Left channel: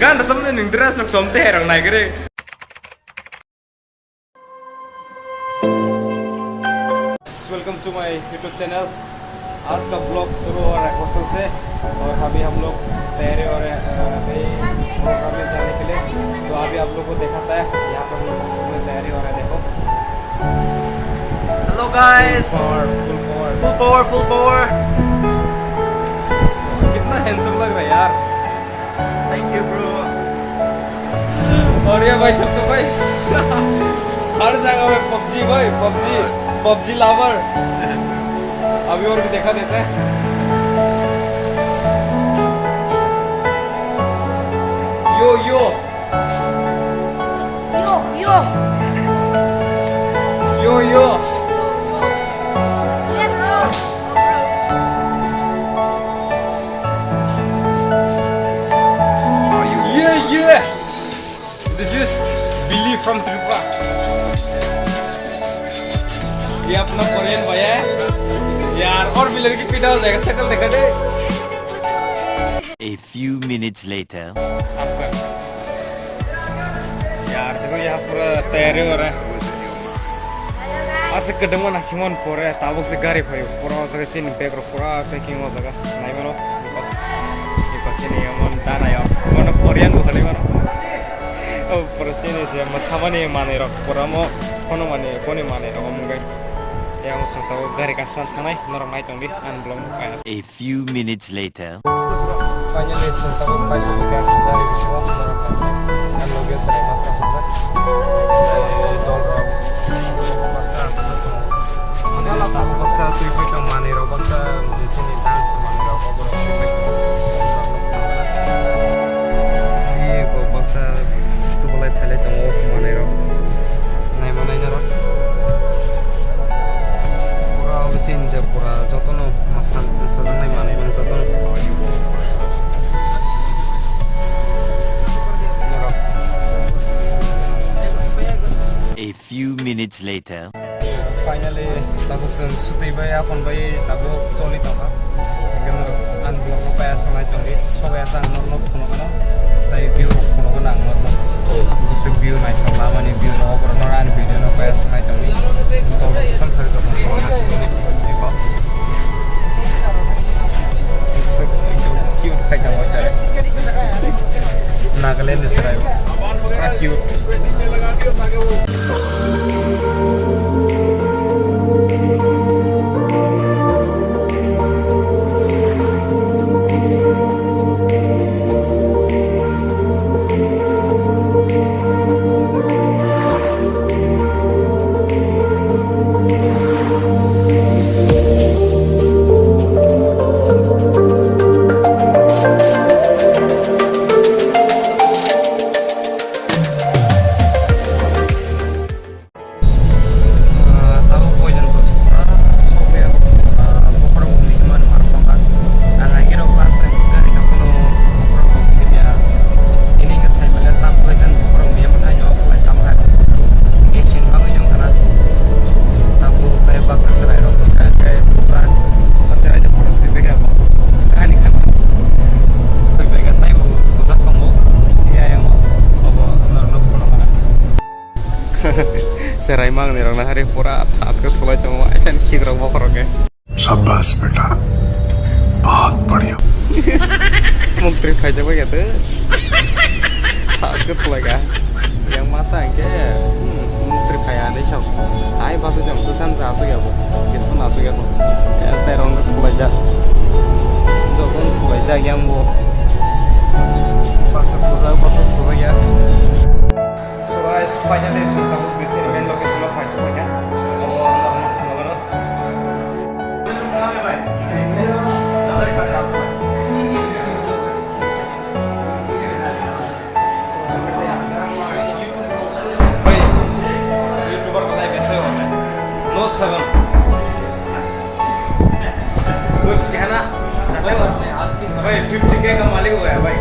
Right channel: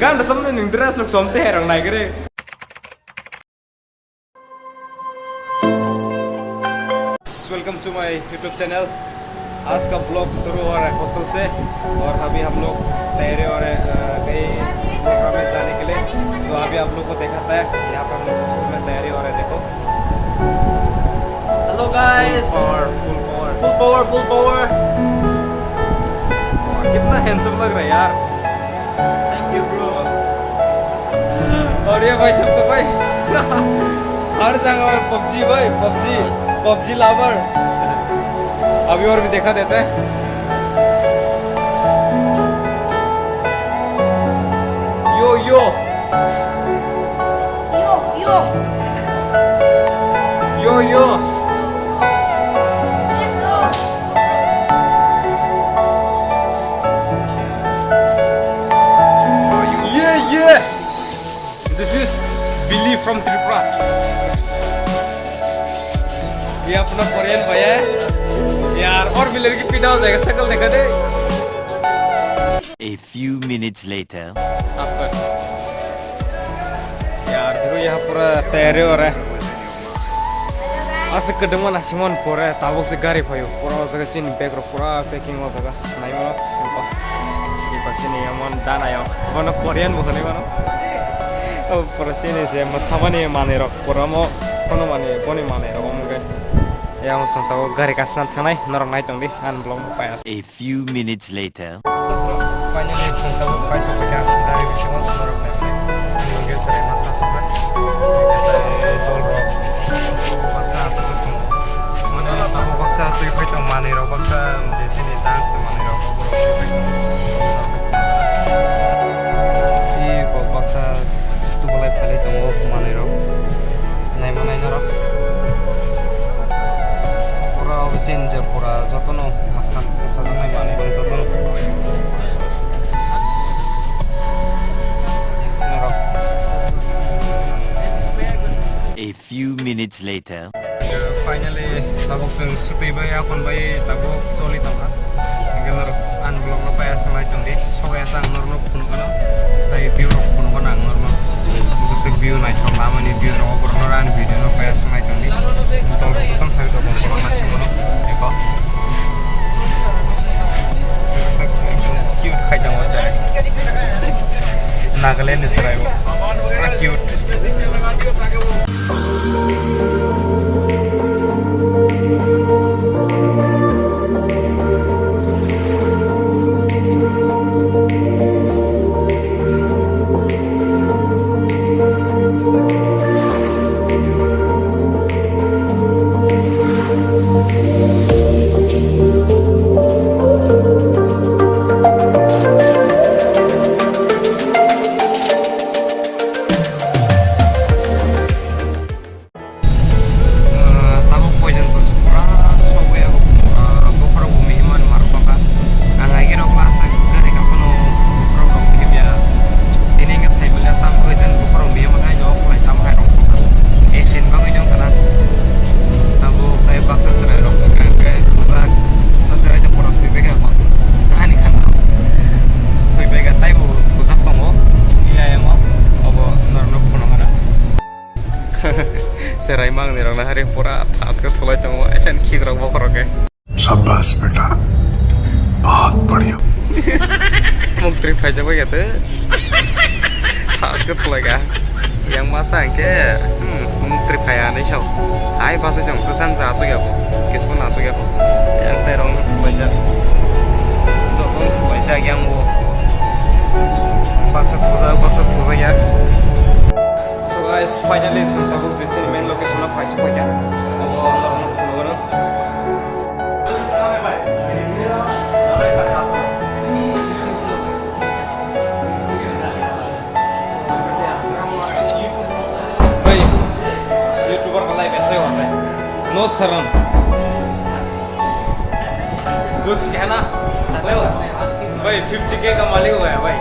gan samne ning dress rok somte herang nai gre. Welcome to my YouTube channel. आज का blog शुरू हो रहा है हॉस्टल से और अभी हम लोग तैयारी हो रहे हैं कई प्रोग्राम में जाने के लिए। तो अभी आप लोग को दिखाता है यहाँ पे हम लोग हॉस्टल में तैयारी हो रहा है। देखो hello guys, full power full power full power. कितना हैंडसम लग रहा है यार। Thank you bro. और ये भाई सबको भाई हर जगह में पबजी भाई, पबजी लवर। अभी और भी देखा देते हैं। यो यो यो यो यो यो let's go. yeah this is Billy from Tripura। ये अपना कोरियन भैया है यार। और विलन की पीड़ा हो जाएगा, शक्ल देखा दे। A few minutes later आपका यार देखो यहाँ पूरा तैयारी हो रहा है। आज kedeng mana Simon pore tabok se gari payu pura jaga sini bag ro pura packing ho jaga nai mano lupa sini amon dana yo mano Korean bukan ni mano oh pura sini se masamani mane ro pura mo kono mane boni mane ro mungkin ya musang tahu gari kasnan tanai norang nai tangdi an belum payas. a few minutes later Finally musang tahu paisa pakai dari bisma norang nai nai an loge serai masa suksa tol ro tamu baksa tu ipai tong mane ro baksa je sini dance tu mane ro ko ro ipai i ko baksa tu bolai phele tong mane ro nai manai na ro pura obisin je pura jotono masan sajang nai mane ro jotono ro a few minutes later finally tabuk sing sutui bai akon bai tabuk choli tanga genar an blog no paya samai tangdi soya sang norno phuno kana tai view ro phuno kana norno busuk view nai thama mani view ro obro no ran video no paya samai tangdi to tom thai to bon na simono eko busuk cute khai tang wasa Nagaland is right cute serai mang ni rong na hari pura atas ke thulai tong asan khid rong bokor ke शाबाश बेटा बहुत बढ़िया mungtri phaja ba gate atas ke thulai ga yang masa ke mungtri phaya nei chau ai ba su jong tu san ja su ya bo kisman asu ya bo yang tai rong ke thulai ja do ton thulai ja yang bo baksa thuja ya. So guys, finally some tabuk je main location of Faisa Poika. Abo Allah na phone भाई YouTuber का live ऐसे होता है no शर्म कुछ कहना चाहते हो भाई 50K का मालिक हुआ है भाई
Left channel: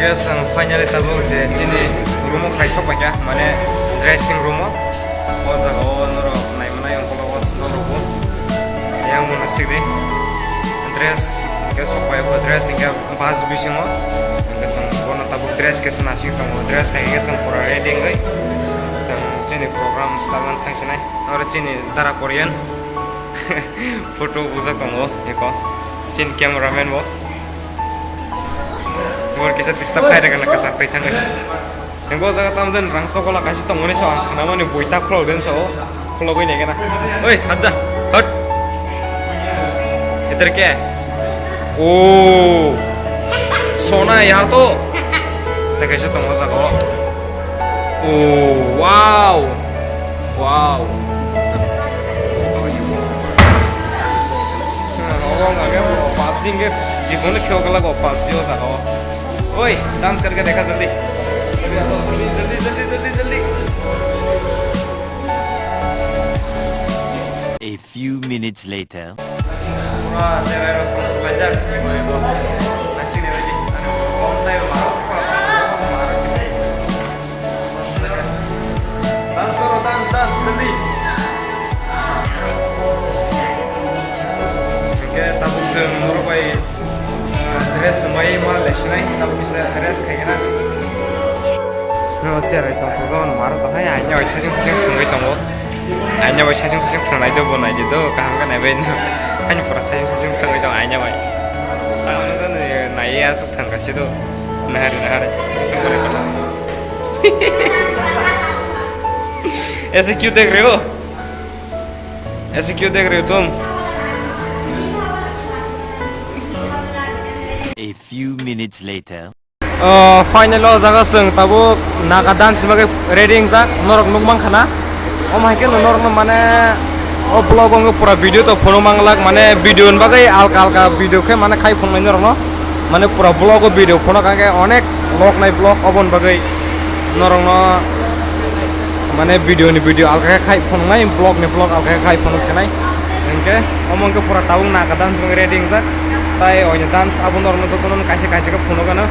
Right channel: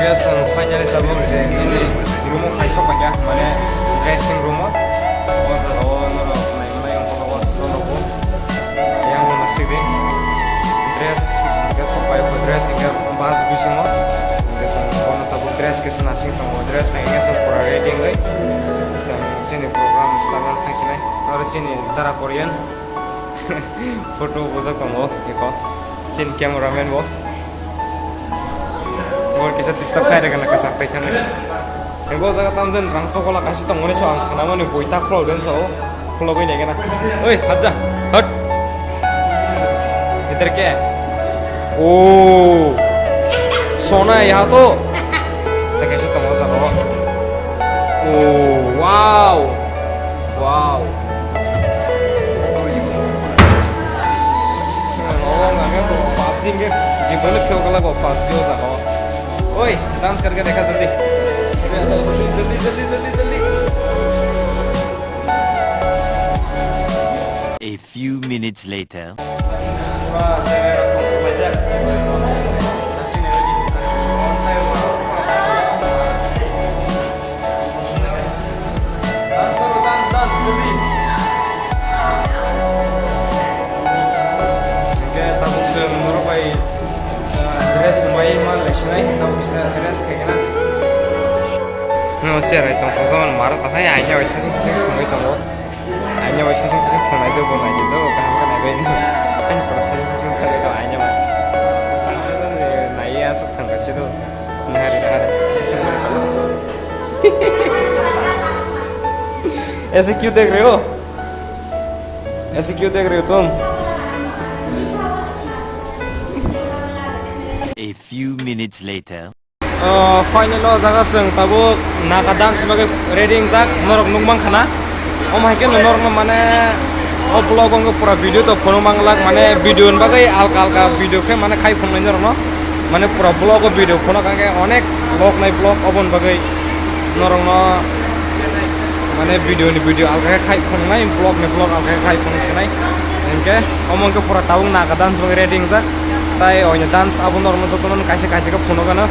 guys ang finally tabuk je chini room khai sok ba kya mane dressing room o jaga o noro nai mana yang ko noro ko yang mo nasik de dress ke sok pa ba dress inga bas bising o guys ang kono tabuk dress ke sana sing tong dress khai nge sang pura ready ngai sang chini program stangan thangsinai ore chini dara korean photo buza tong o eko chin cameraman bo और किसी disturb खाई रहेगा ना कसर तैयार है इनको जगह तम जन रंग सोकोला काशी तो मुने शॉन खाना मने बोइता खुला उड़न सो खुला कोई नहीं क्या ना ओए हट हट इधर क्या है ओ सोना है यार तो कैसे तुम हो सको ओ वाव वाव और क्या वो पापजी के जीवन में क्यों कला को पापजी हो सको ओए डांस करके देखा जल्दी जल्दी जल्दी जल्दी जल्दी A few minutes later. पूरा चेहरा रखूं तो बचा कोई को नाची नहीं बजी अरे कौन था ये मारो पूरा डांस करो डांस डांस जल्दी इनके ताबुक से नोरो भाई dress mai mal lesnai tahu bisa dress kayak gimana? No cerai tong kau zaman marah tuh hai hanya baca sih tunggu tunggu hanya baca sih tunggu aja bon aja tuh kaham kan aben hanya pura sih tunggu itu hanya baca tahu kan naik asal tunggu sih tuh nahar semua lekor ऐसे क्यों देख रहे हो ऐसे क्यों देख रहे हो तुम A few minutes later. Final lo jaga seng tabuk naga dance sebagai reading jak norok nukmang khana maike norok mane o blog ong pura video to photo manglak mane video bagai alka alka video ke mane khai phone mai norok no mane pura blog o video phono kage onek log nai blog obon bagai norok no mane video ni video alka khai phone nai blog ni blog alka khai phone senai engke omong ke pura tabuk naga dance sebagai reading jak tai onya dance abun norok no jotonon kaise kaise ke phono kana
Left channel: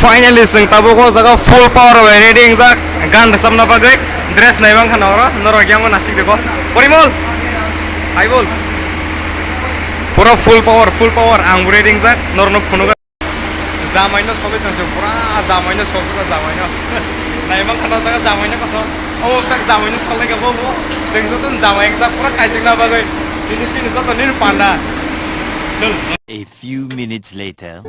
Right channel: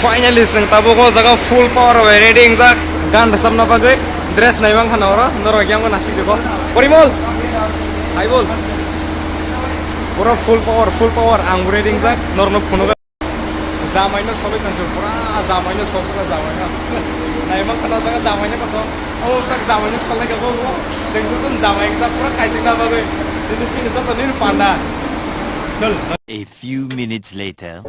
finally sing tabo ko jaga full power reading jak gan rasam na bagai dress nai bang khana ora noro gyang nasik deko porimol hai bol pura full power ang reading jak nor no phono ga jamai no sobai tan pura jamai no sosa jamai no nai bang khana jaga jamai no ko o tak jamai no solai ga bo jeng jotun jamai jak pura kaising na bagai dini sini joto nin panda A few minutes later.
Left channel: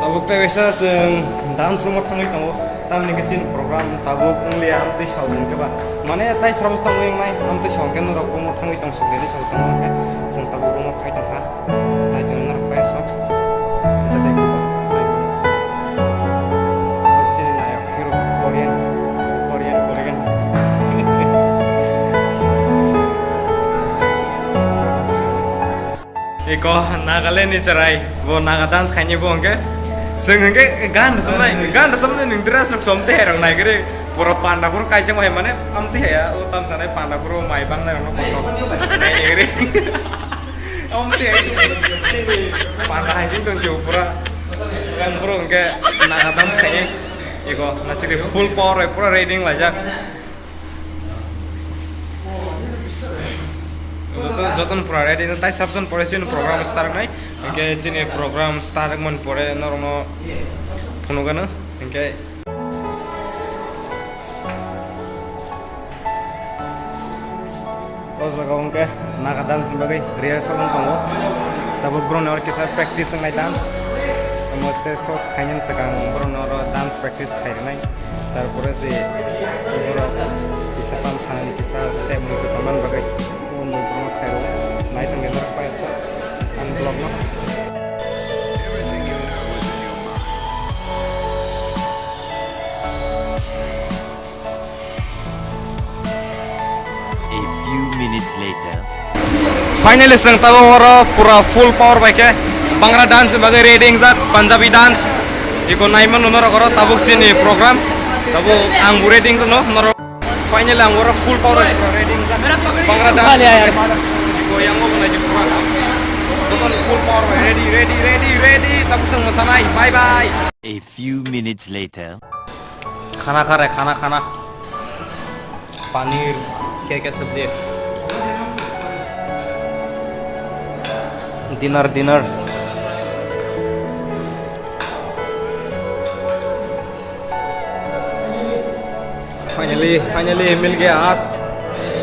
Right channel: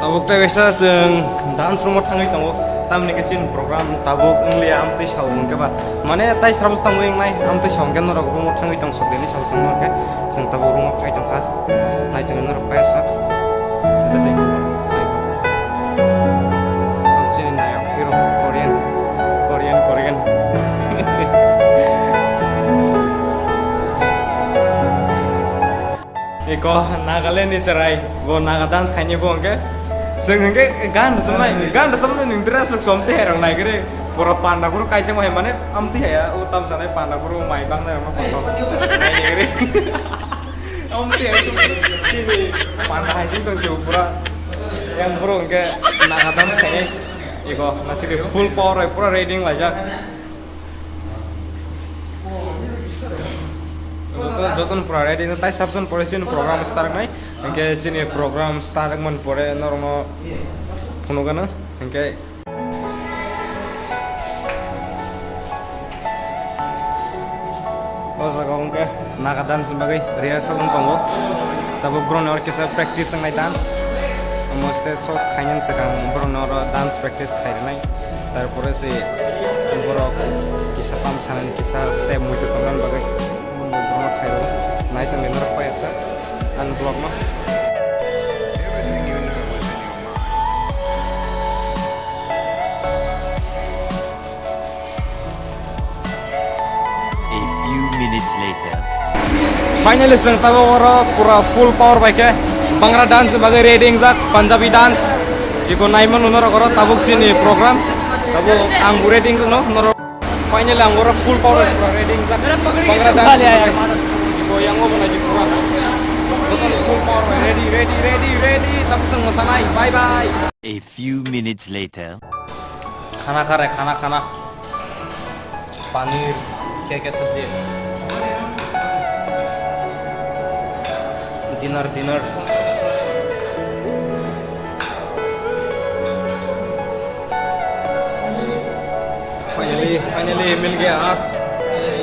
tabuk ta wesa sing dance room thangai tango tam ni kesin program tabuk engli amte saung ke ba mane tai sarabus tango eng nai amte saung ke norok room thangai tang sok deni saung sang ke sing tabuk room khai tang kha nai jeng norok pa sak ida dei ku ba ai ba hok sini nayo hero korean iko nagale ni cerai bo naga dance khanye bo angke sengenge gan samne ning dress nuk somte herang nai gere pura panda pura kaiseng mai mane amti ya utam sanai panda pura mai bang nai no kosok nai gere amti ya panda hai sing tong ju pura kan pura angke naga dance khanye iko nasiri full power pura reading lajak joton pura ready tai sabjon pore sin program start nai inke sini program start mon pore normo phono gana inke ojaga onke naga dance bagai rehearsal tongo tabo bron or kisa practice ngai dance moste sos khainen sakang bron or dance practice khai nai tarpore se boro kisa pam sanan kisa step mutu taman bagai Bruno Cairo, night and dinner by us, and blog no. Everything you know is in your mind. A few minutes later. Finally, sang tabo ora pura full power by ke Bhangra dance bagai reading jak Punjabi dance. Iko naiman nonor koro tabuk sini program, tabu ang reading no nor. Finally, ang ora full power pura reading jak Bhangra dance. Iko yang mau lagi pura. Total full power में ready तब संग मसाला ही bye bye A few minutes later. खाना खा रहे खाना पनीर क्या सब्जी dinner finally मिल गया आज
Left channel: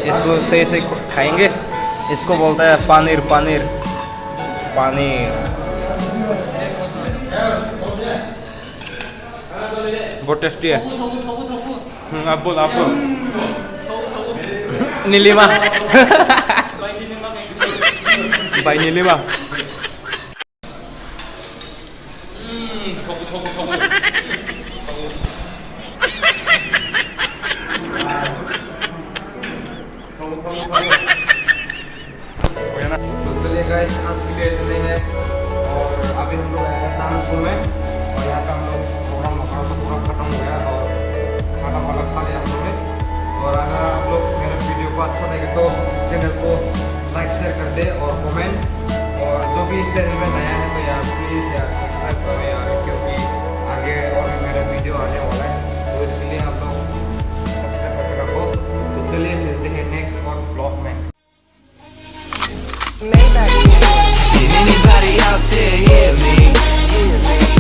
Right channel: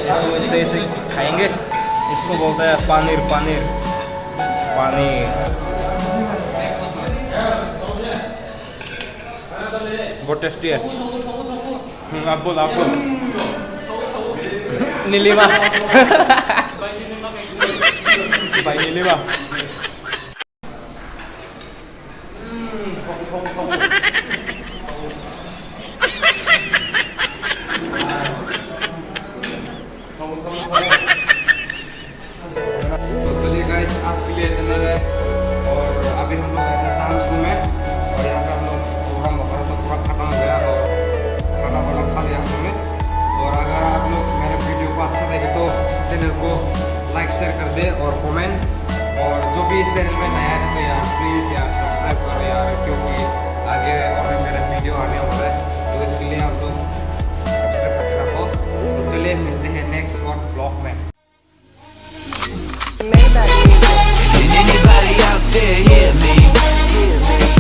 इसको से खाएंगे इसको बोलता है पनीर बहुत टेस्टी है आप बोल नीलिमा भाई नीलिमा तो चलिए गाइस आज के लिए इतने हैं और अभी हम लोग हैं डांस रूम में और यहाँ पे हम लोग प्रोग्राम वगैरह तो पूरा खत्म हो गया और खाना वाना खा लिया हम लोग ने और अगर आप लोग मेरे वीडियो को अच्छा लगे तो चैनल को लाइक शेयर कर दे और कमेंट और जो भी इस चैनल में नया है तो यार प्लीज़ यार सब्सक्राइब करो यार क्योंकि आगे और भी मेरे वीडियो आने वाला है तो इसके लिए आप लोग सब्सक्राइब करके रखो तो चलिए मिलते हैं नेक्स्ट और ब्लॉग में Maybach music. Can anybody out there hear me? Hear me?